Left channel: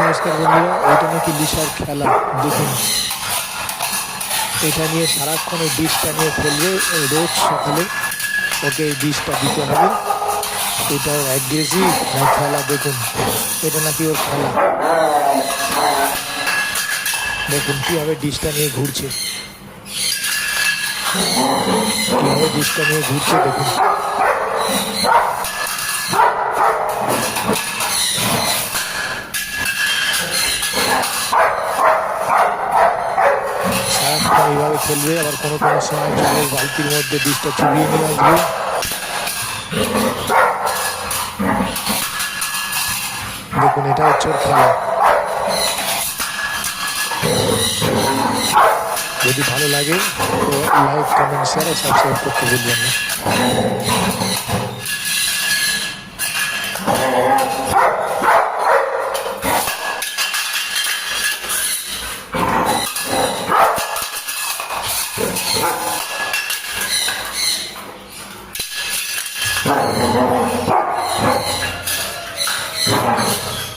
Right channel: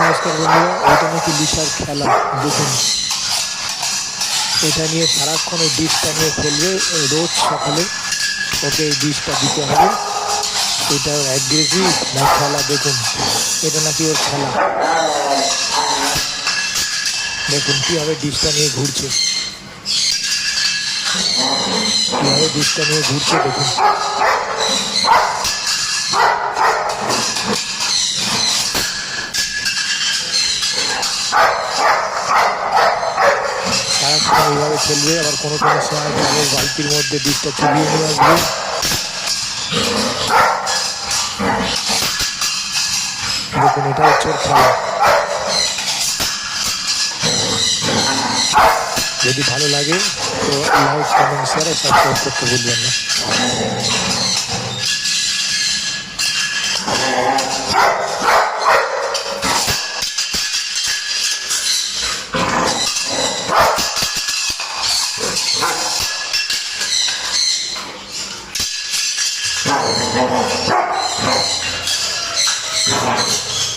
নমস্কার বন্ধুরা, এটা নাকি লিসার খেলা। দেখুন, এটা নিয়ে সারাক্ষণ ওই ডিশটা নিয়ে খেলবে। রোজ সকালে ওকে এই ডিশটা দিতে হবে। এটা অ্যাগ্রেসিভ না খেলা? দেখুন, এটা নাকি ওর খেলা। দেখুন কীভাবে ডিশটা নিয়ে ঘুরছে, কীভাবে ডিশটা নিয়ে ঘুরছে দেখুন। সারাক্ষণ এইভাবে খেলবে, আবার কোনো কোনো সময় জলের বালতির মধ্যে ডিশটা চুবিয়ে নিয়ে আসবে। দেখুন, এটা হচ্ছে ওর খেলা। যদি ভালো লাগে তো লাইক, কমেন্ট, শেয়ার আর সাবস্ক্রাইব করতে ভুলবেন না।